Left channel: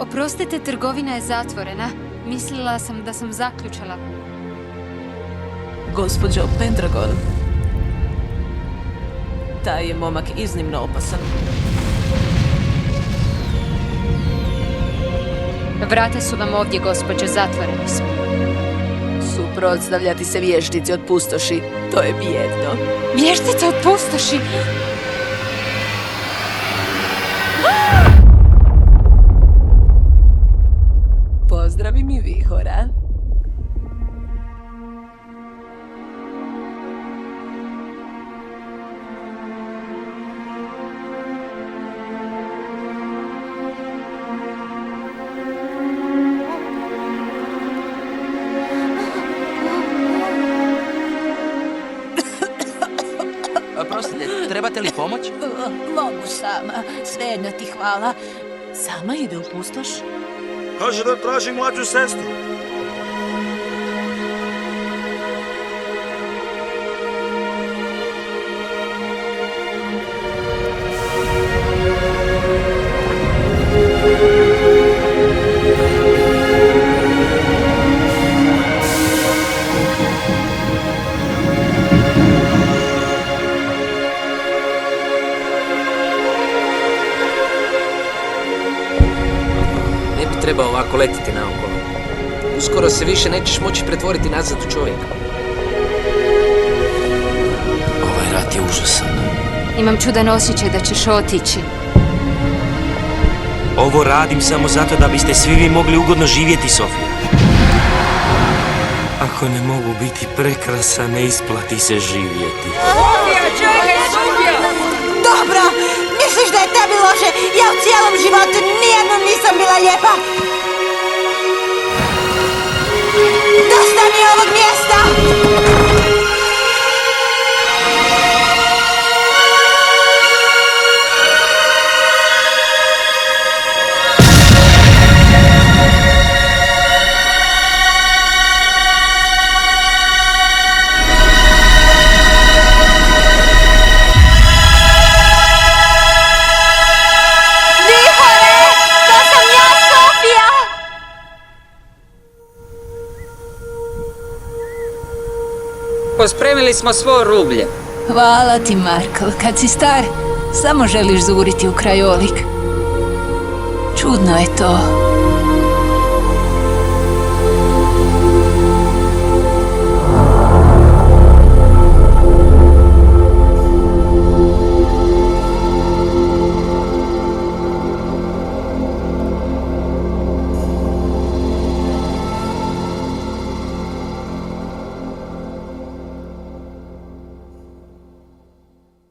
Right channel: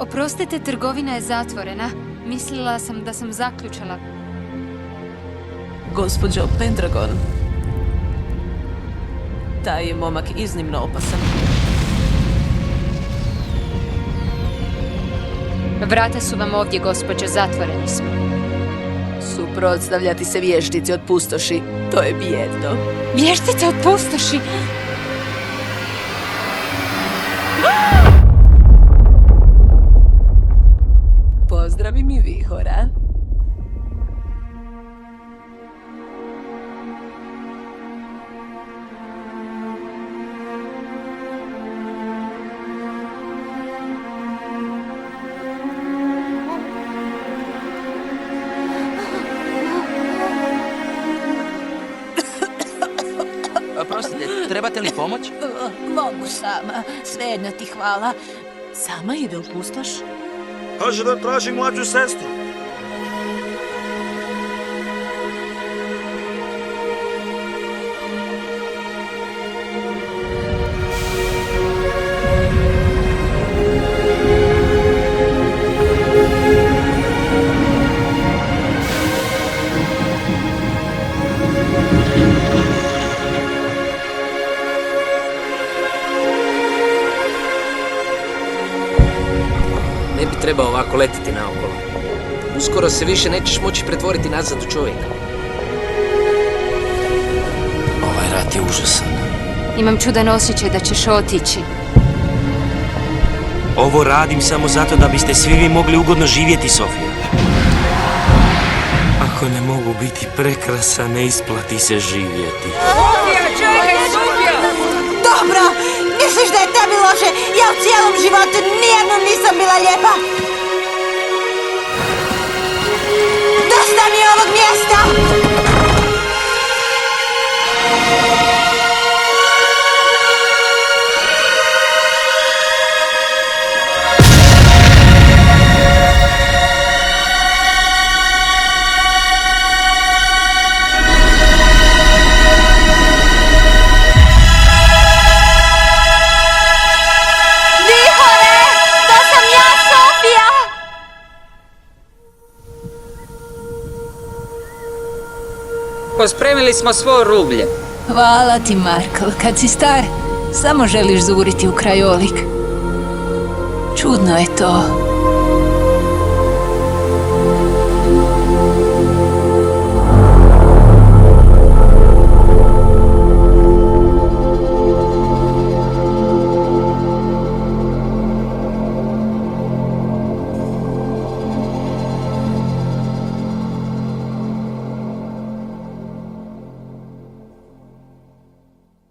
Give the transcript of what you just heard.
Oprostite, trgovina je zatvorena. Mislila sam da sam zaključala. Gospođo Pendragon, taj je momak iznimno opasan. Vrata su vam ovdje, gospođo, zatvoreni smo. Suprotstavljati se vještici od pustoši, to je bijedno. Vještica od pustoši! Pozdravi mi vihora. Prostite, trebate li pomoć? Mogu sama, svejedno ti hvala. Sama ide u pustoš? Kaže da traži mlađu sestru. Ne bi trebao ovako letiti naokolo. Uskoro se više nećeš moći pretvoriti nazad u čovjeka. Ovaj rat je užasan. Imam čudan osjećaj da ćeš otići. Ovo radim samo zato da biste svi vi mogli ugodno živjeti, Sofija. Ako ne mogu biti prekrasa, ne isplati se živjeti. Dobro, misliš da je tebi loše? Ja u cijelom životu nijednom nisam bila lijepa. Dosta mi je ovog mjesta! Pospremili smo svo rublje. Hvala ti, Markl. Kad si star, samo želiš zuriti u krajolik. Čudno je to.